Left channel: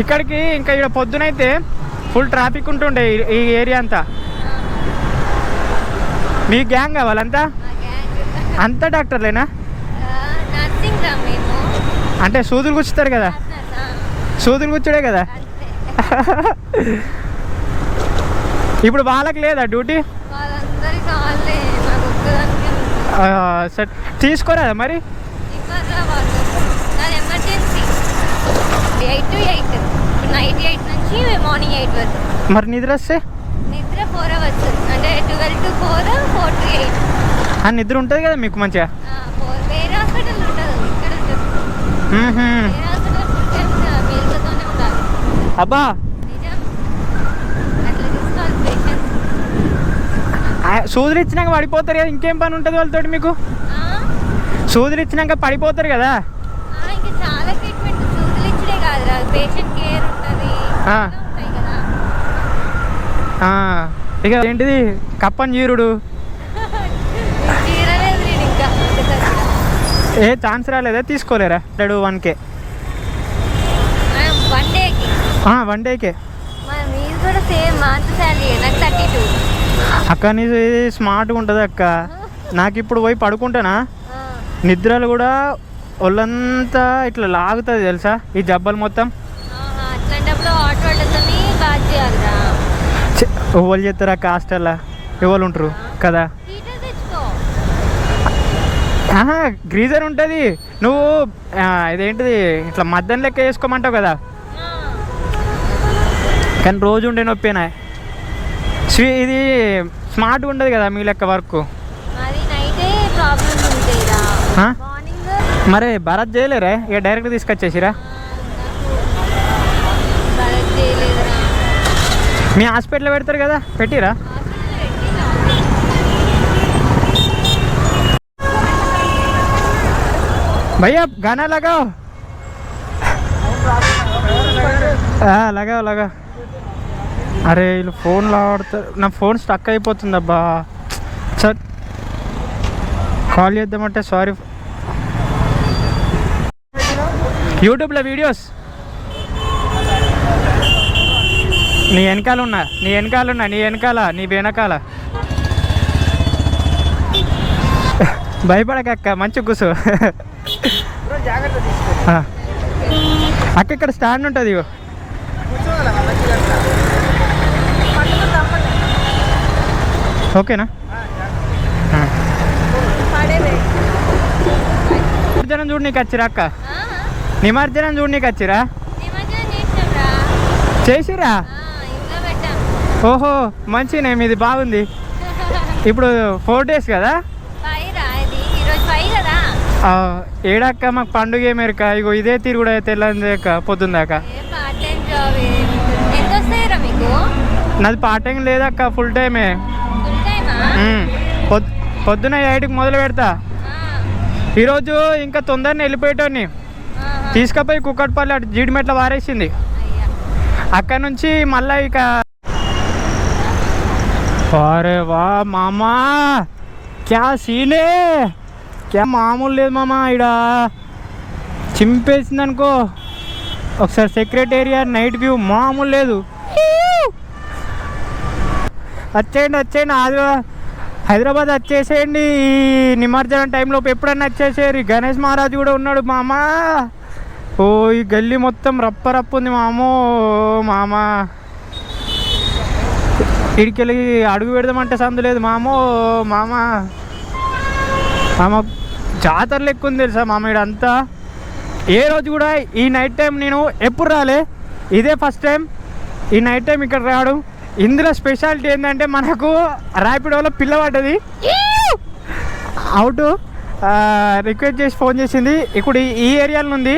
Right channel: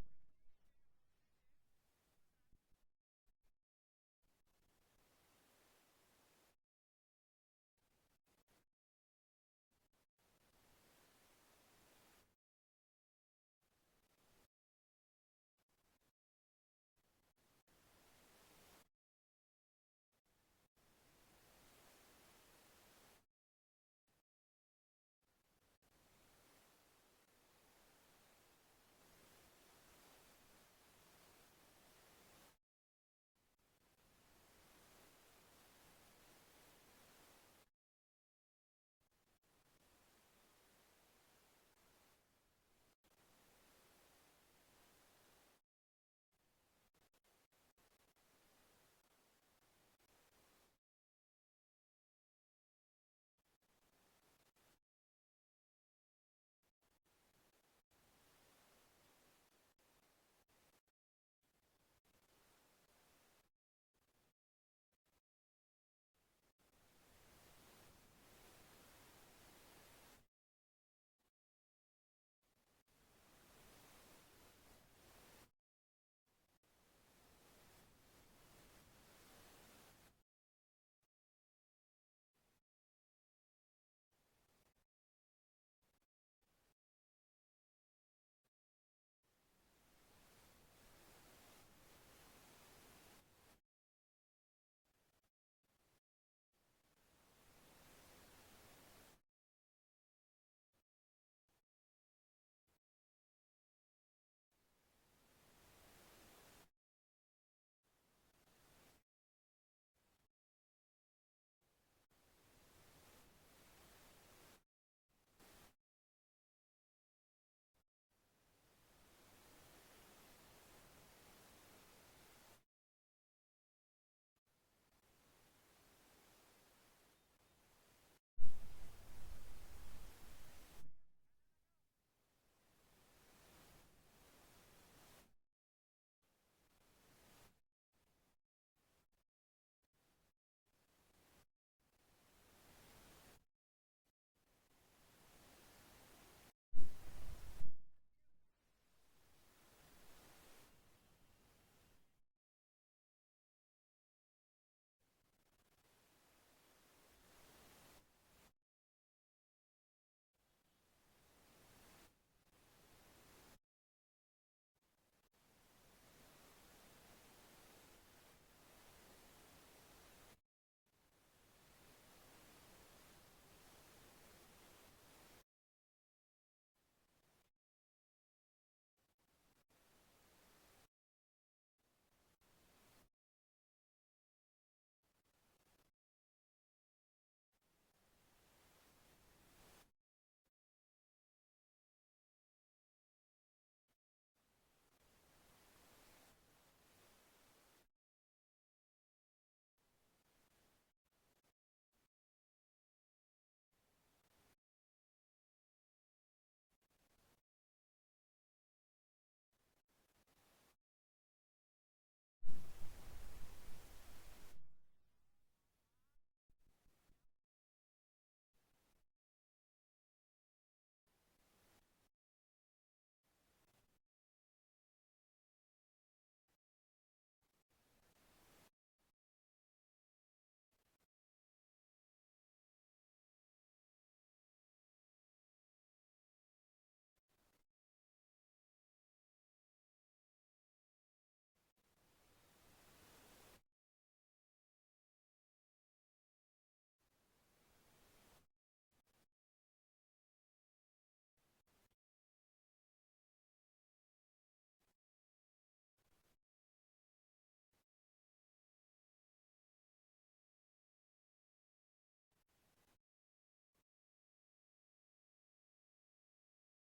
ఇక్కడికి ఇంకా ఇక్కడ పొద్దునైతే ఫుల్ ట్రాఫిక్ ఉంటుండే ఈ ఏరియా అంతా. మీ గ్యాంగ్ వాళ్ళంతా అంతా డాక్టర్లేనా? అంటే సూదులు గుచ్చుతారు కదా, సూదులు గుచ్చుడే కదా. ఇప్పుడు వాళ్ళకి లేదా డ్యూటీ? సరే తీసుకోరాదా మరి? 8 to 8 నైట్ 8 నుంచి మార్నింగ్ 8 వరకు. మరి నిద్ర వస్తే? నిద్ర 4 అవర్స్ అంటే 12 to 4, 4 to 8. ఆ నిద్ర ఉంటుంది కదా మీకు మంచిగా? వేరే హాస్పిటల్ ఉంటుంది, ఇక్కడ ఉంటుంది. వేరే హాస్పిటల్ ఫుల్ టైం మేలుకతోనే ఉండాలి. అబ్బా నిజం, అట్లా చూసుకోవాలి పేషెంట్స్. సూదులు ఇచ్చినాక పడిపోతారు కదా, ఇంకేం పని ఉంటుంది వాళ్ళతో మీకు? సూదులు ఇచ్చినాక పడిపోతారు కదా. ఇంకా చాలా ట్రీట్మెంట్, సూదులు ఇచ్చడే కాదు, పేషెంట్ కేర్ ఉంటుంది కదా. ఇక ఏంటిది కప్పని చీరుడు? చీరలేదు నేను ఇంకా. ఏ ఛాన్స్ రాలేదా? తీసుకోలేరా? 1K 1 డేకి? 1 డేకే. మీరు కూడా సేమ్ మంత్ శాలరీ, నాకు 32. అక్క నీది స్మార్ట్గా ఉంటుంది అక్క. నాకు ఇప్పుడు పోయి పడుకుంటానా, నిద్రలు కూడా ఒళ్ళంతా ఇట్లా లాగుతుంది తెలుసా ఈ జబ్బలు మొత్తం. అట్లాంటప్పుడు హాట్ వాటర్తో బాత్ చేయాలిరా. ఎవరు చేస్తారు అక్క హాస్టల్లో? ఎవరు ఉంటారు కదా. గ్రీజర్ ఉంటుంది, నువ్వు ఇదేంటిది ఇట్లా మద్దం లెక్క వేసుకోమంటావు కదా, కానీ రోజు ఉండే నొప్పేనా. ఇది స్మార్ట్గా ఉండదు కదా మీ లెక్క వర్క్. మరి భరత్ చేయలేరా? ఇక డైరెక్ట్ తీసుకొచ్చేసిరా? మీ హాస్పిటల్లో పెడతారు కదా, పెట్టిరా? भैया गाना लगाओ। लगाओ लगाओ। అరే వీళ్ళు ఫోన్లో ఆడుతారు, నా ఫోన్ స్టక్ అయిపోతుంది అబ్బా. సార్ కాల్ చేద్దామంటే సారీ. యూట్యూబ్లో వీడియోస్ నీ వెనకాల ఉన్నా, నీ వెనకాల భయపడకక్క, మంచి కూర్చో అక్క. ఇక్కడ స్టాండ్ ఉంటుంది, ఇగో ఓకేనా? నిమజ్జనం చూడు నీకు వచ్చిరా అక్క, నిమజ్జనం చూడు నీకు వచ్చిరా? చేసిరా? ఓహో మంచినే, మీది బాగుంది. ఇప్పుడు 4 days కదా? ఏడక్క మాకు పండుగ ఏమేరక, ఇగో ఇదే తిరుగుడు అయితే తెల్లందాక పొద్దుందాకా. నాది పార్ట్ టైం లేదక్క, ఫుల్ టైమే. పొద్దున 8కి మొదలు పెడతా. ఈరోజు ఇంకా తొందరనే వెళ్ళిపోయేటోని తీసుకుపోయి కుక్కట్పల్లి అటు జీడిమెట్ల వారేసింది. అక్కడ నుంచి మళ్ళీ ఇక అరే వా మామా క్యా సీనే, క్యా మామూలు లేదు మామ. ఇక్కడ చింపేసింది అనుకో ఒకసారి సెక్రటేరియట్ నైట్ వ్యూ, మామూలు లేదు. వచ్చేయండి హైదరాబాద్ వచ్చేసేయండి ఈ నిమజ్జనం టైంలో, ఎప్పుడన్నా వచ్చేసేయండి. గణేష్ మహారాజ్ కూడా ఉన్నాడు మామ. ఓ ఈ గల్లీ మొత్తం రప్ప ఉంది మామో. మామా ఇడికెళ్ళి అడుగు పెడదామంటే సందు లేదు మామో. మామ జాతర లెక్క ఉంది తెలుసా మామ ఇడంతా. ఏ రోజు కూడా ఈ నైట్ టైం నేను ఎప్పుడు రాలే, ఇదే ఫస్ట్ టైం ఈ నైట్ టైం ఇక్కడ రావడం. ఇందులో స్పెషాలిటీ ఏంటంటే మనకు ర్యాపిడోలో పిల్ల పడ్డది, అవుట్ రిక్వెస్ట్ చేసి ఫోన్ చేసింది. ఇప్పుడు ఈ ఏరియాలో ఉంది.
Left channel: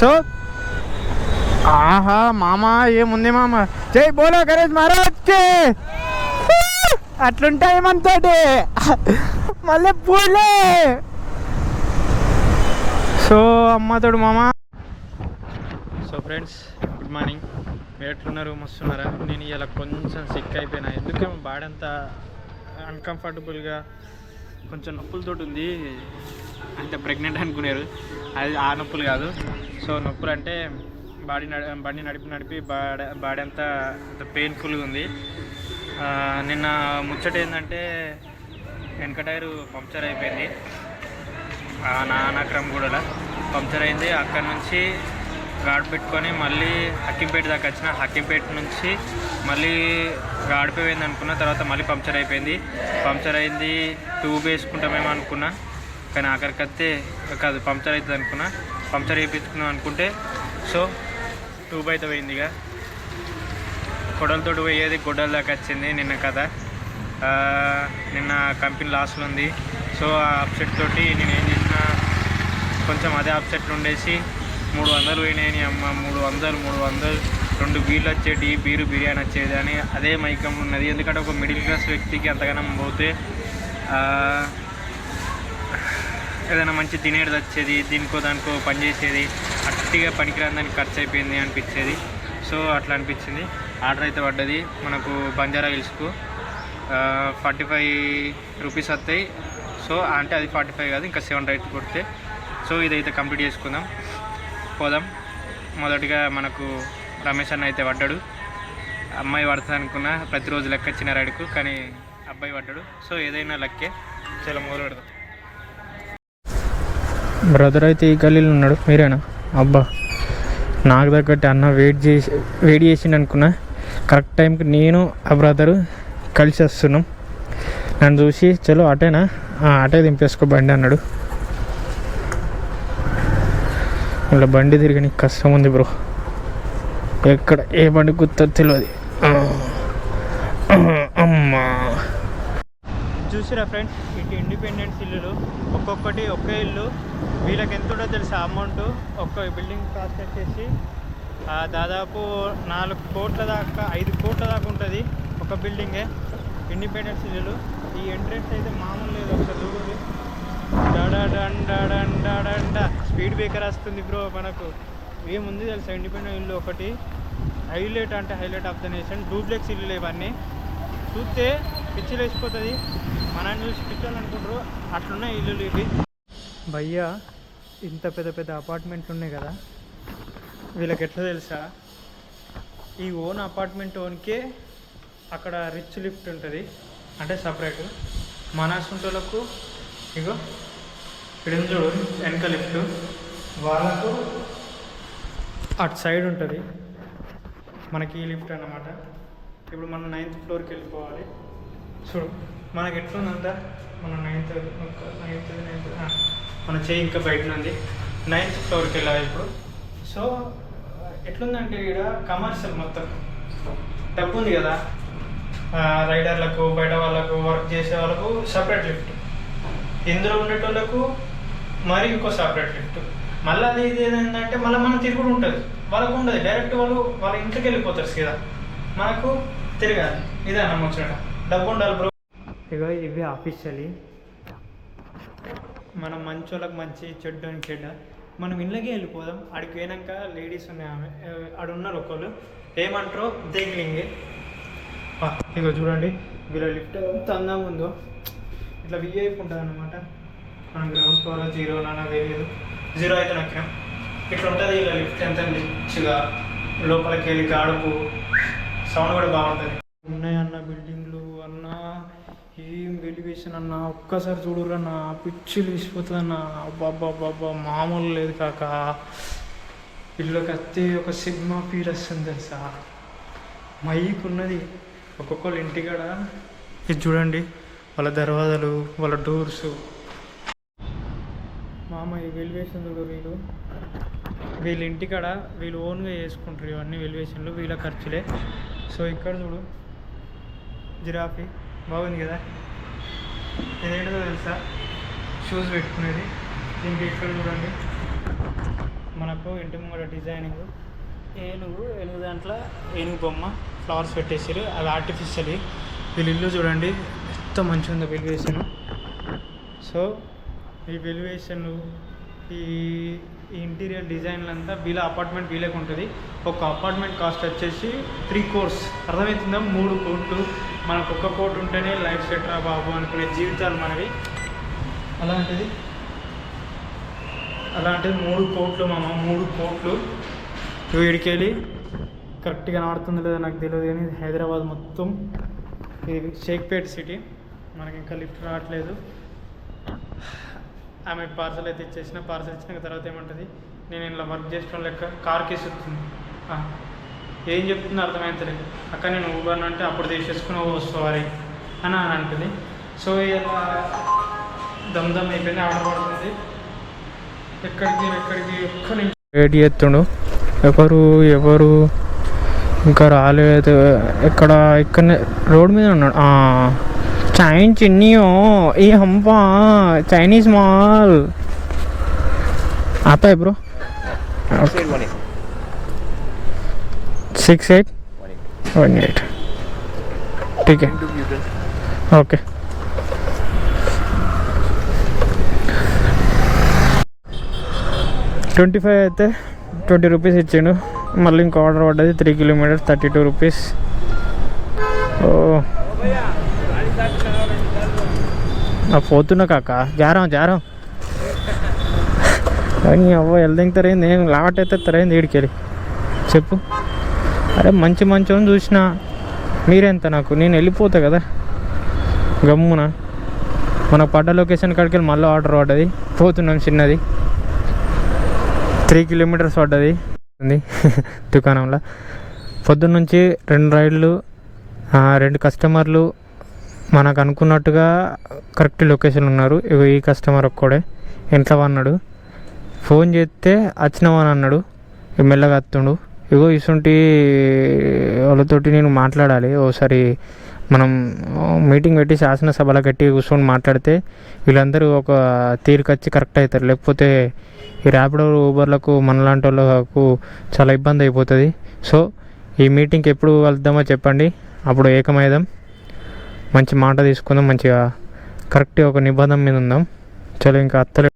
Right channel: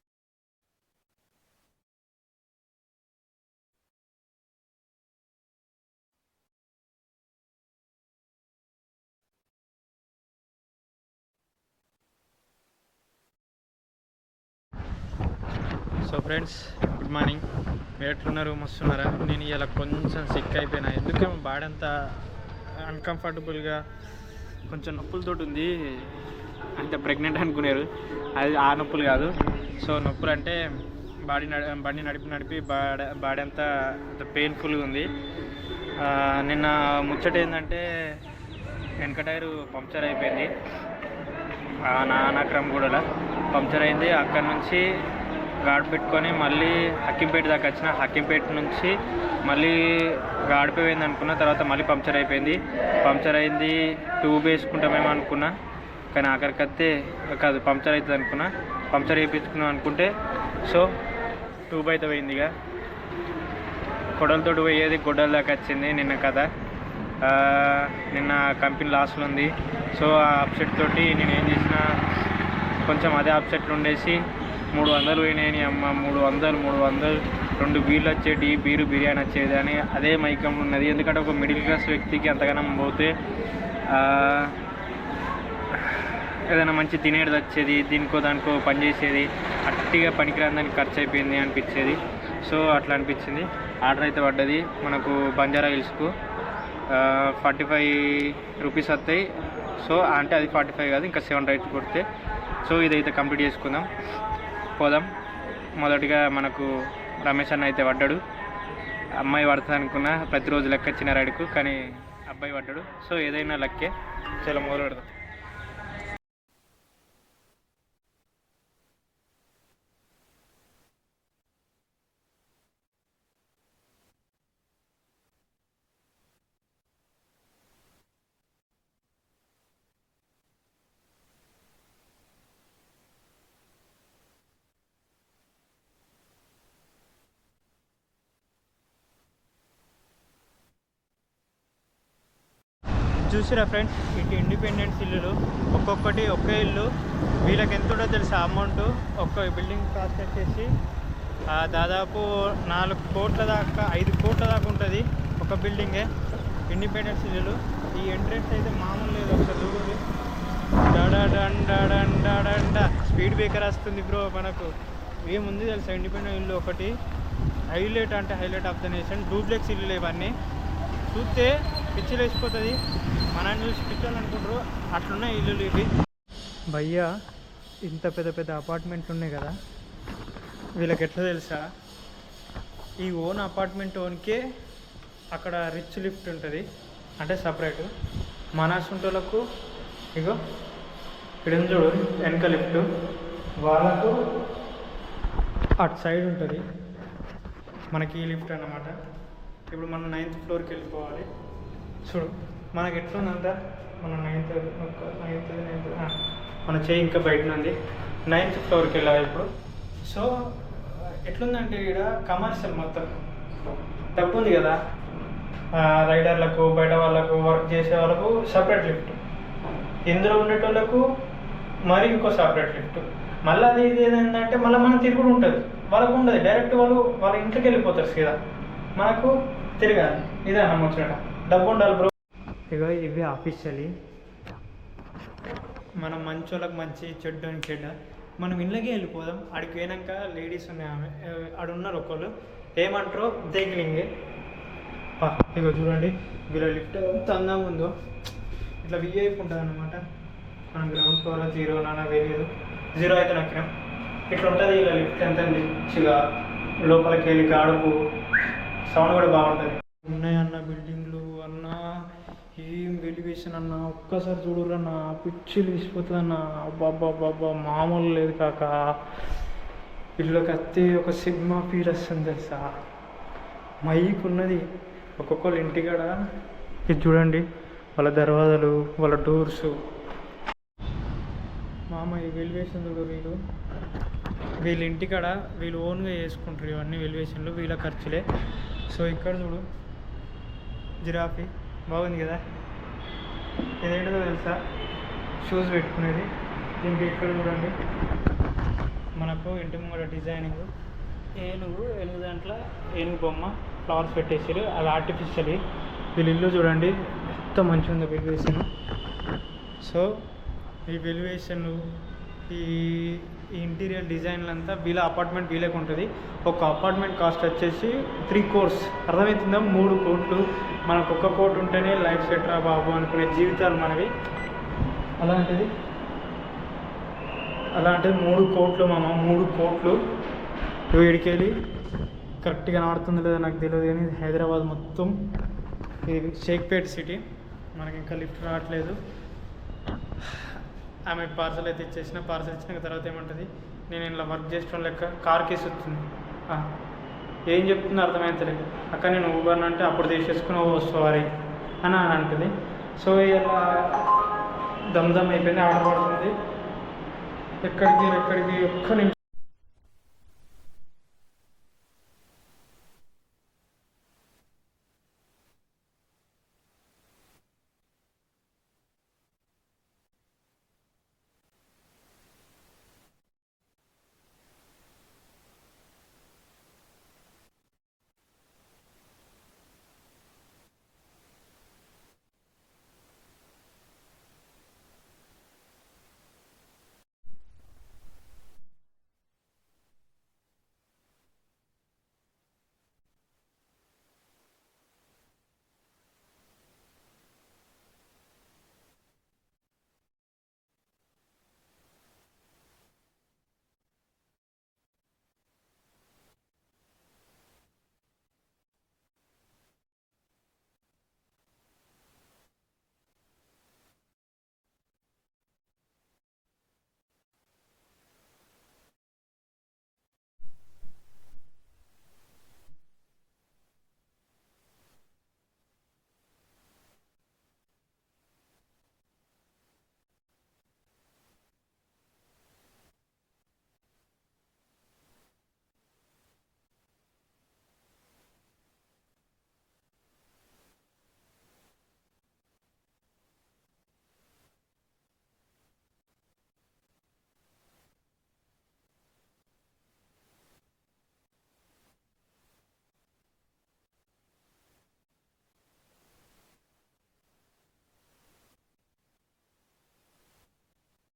సో ఆహా మామ ఏముంది మామ, జై బోలో గణేష్ మహారాజ్కి. అట్లుంటాయి మనతోటి మళ్ళీ పూలే. సో అమ్మతోడు మామ. సో ఫ్రెండ్స్ గుడ్ మార్నింగ్, మీరు ఎట్లున్నారు? మస్తున్నారా? నేను ఇలా కొంచెం సిక్ అయిపోయినా, ఎందుకేమో బాడీ అంతా అన్కంఫర్టబుల్గా కొంచెం నొప్పులతో ఉంది. అంటే ప్రెగ్నెంట్ అనుకున్నారు, అది ఆ నొప్పులు కాదు. సో నొప్పులు అంటే బండి నడిపి బాడీ అంతా పెయిన్ఫుల్గా ఉంది. నిన్న ముచ్చట ఏంటంటే వెనక టైరు పంక్చర్ అయిపోయింది. నానక్రమగూడలో పంక్చర్ అయింది. అక్కడ నుంచి గాడి పెట్టుకొని మళ్ళీ హక్కింపేట దాకా వచ్చిన. హక్కింపేట నుంచి మళ్ళీ గాడిపోయింది అనుకున్న. తర్వాత మళ్ళీ పంక్చర్ అయిపోయింది. పంక్చర్ అయింది, ట్యూబ్ వేసుకుంటామేమో అనుకున్నా, కానీ ఆఖరికి వస్తే కాదు పంక్చర్ అవుతుంది అనుకున్నా. పంక్చర్ వేయించుకున్నాం అనుకుంటే సో ట్యూబ్ అయితే పోయింది. ఇక కొడలతో పోయేది గొడ్డల దాకా వచ్చింది నిన్న కథ. నిన్న కంపెనీ లాస్లో ఉంది. సో ఆ అప్సెట్ తోటి నేను ఏం చేసిన, కొంచెం అదే అప్సెట్లు ఉండేసి 300 పోయినాయి అమ్మ. 300 2 బీర్లు వచ్చేటి, బిర్యానీ వచ్చేది అని అదే మైకం ఉన్నది. ఎందుకంటే ఒక మిడిల్ క్లాస్ వ్యక్తికి అంతగానం పోతే ఏదైనా మంచి తినేది వచ్చేది, దానికో పని చేసేది, అట్టిగా పనికిరాని దానికి ఖర్చు అయిపోయింది అనిపించేది. సో అట్లా అనిపించింది. ఆర్డర్ అయితే పడ్డది మనకు బంజారా హిల్స్కు. 45 రూపీస్ వస్తాయి. సో అంటే అది 45 కాదు, ఇంకా 7 రైట్ కొడితే. సో ఇదైతే కంప్లీట్ చేసుకుందాం, పోదాం. మొదటిగా మనకు రమేష్ అన్న అయితే పడ్డాడు. అమ్మాయి పడుతుంది అనుకున్నా, ప్రతిరోజు లెక్క చిన్న రైడ్కు, కానీ అబ్బాయి పడ్డాడు. సో ఏదైనా లెక్కే. చాలా మొదలు పెడదాం. బ్రదర్ అయితే ఈ గల్లీలో ఉన్నాడు. మీరేనా? అబ్బా, నాకు తగ్గట్టు అన్న వెయిట్ చేసిండు అనుకున్నా. కరెక్ట్ టైంకి నేను ఆ బ్రదరు కలిసి వస్తున్నాం. నన్ను చూసి చలో అటేనా, అటే దింపేసుకో బండి అన్నాడు. ఇలా బండి తిరిగి నీకు కష్టం ఉంది బ్రో. ఎక్కడ ఏ బండి గుర్తుందో తెలియదు. అమ్మా, చూసిరా ఫ్రెండ్స్, ఇటు ఇండిపెండెన్స్ ఇల్లులు ఒక్కొక్కటి ఒకే ఇల్లు. వీళ్ళకి ఎంత ఉంటుందో తెలుసా అమౌంట్? ఒక్క బిల్డింగ్ కాస్ట్ వచ్చేసి దాదాపు 4 కోట్ల దాకా 5 కోట్ల దాకా ఉంటుంది ఒక బిల్డింగే. ఇండిపెండెన్స్ ఇల్లులు. ఈ ఎంట్రెన్స్ అయితే మామూలు లేదు. ఒకసారి చూడండి. డా స్పీడ్ బ్రేకర్ వస్తుంది బ్రో. మనకు ఏముంది తెలుసా ఇండిపెండెంట్ ఇల్లు ఒకటి హైలైట్, అంటే highlight of the nation. Duplex ఇల్లులు ఇవన్నీ చూస్తే పిచ్చిలు వేసిపోతుంది. మనం చూసి పిచ్చాలు అనుకుంటారు, అట్లున్నాయి ఇల్లులు ఇవి. భయ్యా, ఇంత పెద్ద అపార్ట్మెంట్లు ఉన్నాయి కదా, వీళ్ళకి ఎట్లా తెలుసా, ఈ ఓన్ అపార్ట్మెంట్ ఓన్కే అక్కడ రిచ్ లిఫ్ట్ ఉంటుంది, అంటే సపరేట్. మన సొంతలకు ఇగో ఇక్కడ చూడు వెనక లిఫ్ట్, వాళ్ళకు అటు సైడ్ ఉంటుంది. మనకి ఈ లిఫ్ట్ అన్నమాట. ఇప్పుడు మనం 9th ఫ్లోర్కి వెళ్ళిపోవాలి. చూడు మనకి ఎట్లుందంట, మన 9th మన చేయి ఇంకా బయట ఉంది. 9th ఫ్లోర్కి వెళ్ళాలి ఇప్పుడు. సో ఎట్లుందంటే ఇక్కడ కమర్షియల్ మొత్తం డబ్బు ఉంది కదా, రైడర్లకు, బయట వాళ్ళకు, వర్క్ చేసే వాళ్ళకు సపరేట్ లిఫ్ట్, ఇందులో ఉండేటోళ్ళకు మరి ఇంకో సపరేట్ లిఫ్ట్. మళ్ళీ అది ఇది ఏంటంటే మళ్ళీ మనం తిరుగుడు ఉంటుంది, వాళ్ళకు ఉండదు. డైరెక్ట్ వాళ్ళ ఇంటికి వెళ్ళిపోతారు సీదా, మనకు తిరగాలి. ఇదే అన్న ముచ్చట, డబ్బు ఉండాలి బ్రో. ఇక ఇవి ఆఫీషియలీ మనం మంచి వాళ్ళకి మంచి, చెడ్డ అని చెడ్డ. మనం ఇళ్ళకే వెళ్ళిపోదాం. ఆడికి పోయినాక లేడీస్ ఉన్నాయి, ఆమె ఆడున్నారు ఒకళ్ళు, ఏమంటారో దేగిలింగే. ఇక చూడండి వీళ్ళ లిఫ్ట్ ఎంత అందంగా ఉందో, ఇట్లా విఐపి ఉంటుంది అన్నమాట. మనం గ్రౌండ్ ఫ్లోర్ 0 నానా వేయలేదు, 0 అయితే నొక్కినాం. ఇట్లా ఉంటుంది ఇలా లిఫ్ట్, ఎంత రిచ్గా లోపలికి వెళ్ళి గాడుపు సౌండ్ కూడా బాగుంటుంది. ఉన్నాయన్న బిల్డింగ్లు అన్న, ఏం వెలివేషన్ అన్న, ఒక్కసారి చూడరన్న, పిచ్చిలు తీసిపోతుంది అన్న. అబ్బాబ్బాబ్బా మామూలు లేదు కాక. ఇళ్ళకి వస్తే ఒక సిగ్మా ఫీల్ వస్తుంది తెలుసా. మైక్ ఉన్నది ఒక్కొక్కరు ఇంటికాడ. ఇది చూడండి వాళ్ళ దర్వాజాలు, వాళ్ళ డోర్స్. మామ ఈ వెలివేషన్ చూడు, వీళ్ళ ఇంటికాడ వీళ్ళు ఓన్గా చేసుకుంటారు ఇవన్నీ వెలివేషన్లు, వీళ్ళ ఖర్చులే. సో ఇక్కడ చూడు జిరాఫీ బాగుంది కదా. ఇదేంటో తెలుసా, షూస్ పెట్టుకునేది. దీనికి ఇక్కడ చూడండి మనకు ఇంటి ముంగడ డిజైనింగ్, ఏనుగు దాంట్లో ఏనుగు బొమ్మ, ఫ్లవర్స్ పెట్టేసారు, అది ఆర్టిఫిషియల్. వీళ్ళ ఇల్లు చూడండి ఎంత మంచిగా ఉందో వెలివేషన్. సో ఈ వెలివేషన్లు, ఈ ఇంటీరియర్ డిజైన్లు అంతా వీళ్ళ అపార్ట్మెంట్ వీళ్ళకి ఉంటుంది. ఒక అపార్ట్మెంట్ కాస్ట్ వచ్చేసి 3 crores. అర్థమవుతుందా? 3 కోట్లు. మనకు 1 కోటి ఉంటేనే లైఫ్ సెట్ రా బాబు అనుకునే జీవితాలు మనవి. అలాంటిది 3 కోట్లు మామ, 3 కోట్లు. వీడికి వెళ్ళి కరెక్ట్గా కనబడుతుందో లేదో నాకు తెలియదు, కానీ హైదరాబాద్ మొత్తం ఇది షేక్పేట్ సిటీ. మనకి ఇంకా లిఫ్ట్ రావట్లేదు. ఆమె పార్సల్ అయితే ఇచ్చేసిన. పార్సల్ ఇచ్చిన తర్వాత ఏమంటుంది, నేను ఇలా వర్క్ చేసిన లెక్క కార్ కేసు వస్తుంది. ఏం చెప్తుందో అర్థమవుతలేదు. అక్క నేను ఊబర్ అంటే అప్పుడు తీసేసుకుని సారీ అని అంటుంది. సో ఇలా దమ్ అయిపోయింది, ఆర్డర్ పడుతుంది. ఎక్కడికి ఒక్క నిమిషం వెయిట్ చేస్తుండు. ఎవరు ఇంకా రాలేదు. ఇక్కడ రోడ్ మీద ఉన్నాడు. చైన్ చిన్నీయో ఏ హంపా చైనీస్ మాల్ आता है ब्रो 6818 ठीक है ఓకే. $25 అయితే ₹20 ఇచ్చిండు. మళ్ళీ ఇంకో ఆర్డర్ పడ్డది 3 కిలోమీటర్స్ ₹32. ఓ పోతున్నా కాక జారం అని అవ్వ వెళ్దింగుతారేంది, నేను లాట్ అయితే తరైంది వీడికెళ్ళి చెప్పు. అరే మంచి అని చూసిన మీరెంత నాకు, నేను వెళ్ళిపోతా కదా గమ్మున. మనకు పడ్డ లొకేషన్ కాడికి వెళ్ళి మళ్ళీ ఆర్డర్ పడ్డది. పోతున్నాం చిన్నది 3 కిలోమీటర్స్ పడ్డది దుకాణంలో. పొద్దున్న నుంచి 2 రైడ్లు, 2 కస్టమర్లు మనకు అనుకున్నట్టుగా కరెక్ట్ లొకేషన్ ఉన్నారు. ఇగో ఈ కస్టమర్ ఒక్కడే ఇంట్లో అన్నాడు. ఫోన్ చేస్తే వచ్చినామని అన్నాడు. మెల్లగా వస్తుండు. ఇగో ఇసుంటి వాళ్ళతోటి నేను మాట్లాడాలి. ఓసారి మనం మీటింగ్ పెట్టి శాసనసభలో గట్టి కూర్చొని మాట్లాడితే వీళ్ళందరూ ఒక తీరుకొచ్చి కరెక్ట్ అవుతారు. లేకపోతే ఈ ర్యాపిడో ఊబర్లకు మనలాంటి వాళ్ళకు చాలా ఇబ్బంది అయిపోతుంది. సో ఈ మీటింగ్కి ఎప్పుడు వెళ్దామో చెప్పండి, అప్పుడు ఏకమైదాం, మంచి మాట తీసుకుందాం, మంచిగా కరెక్ట్గా ఒక నిబంధన మీద ఉందాం. చలో ఇంకా అత్తలే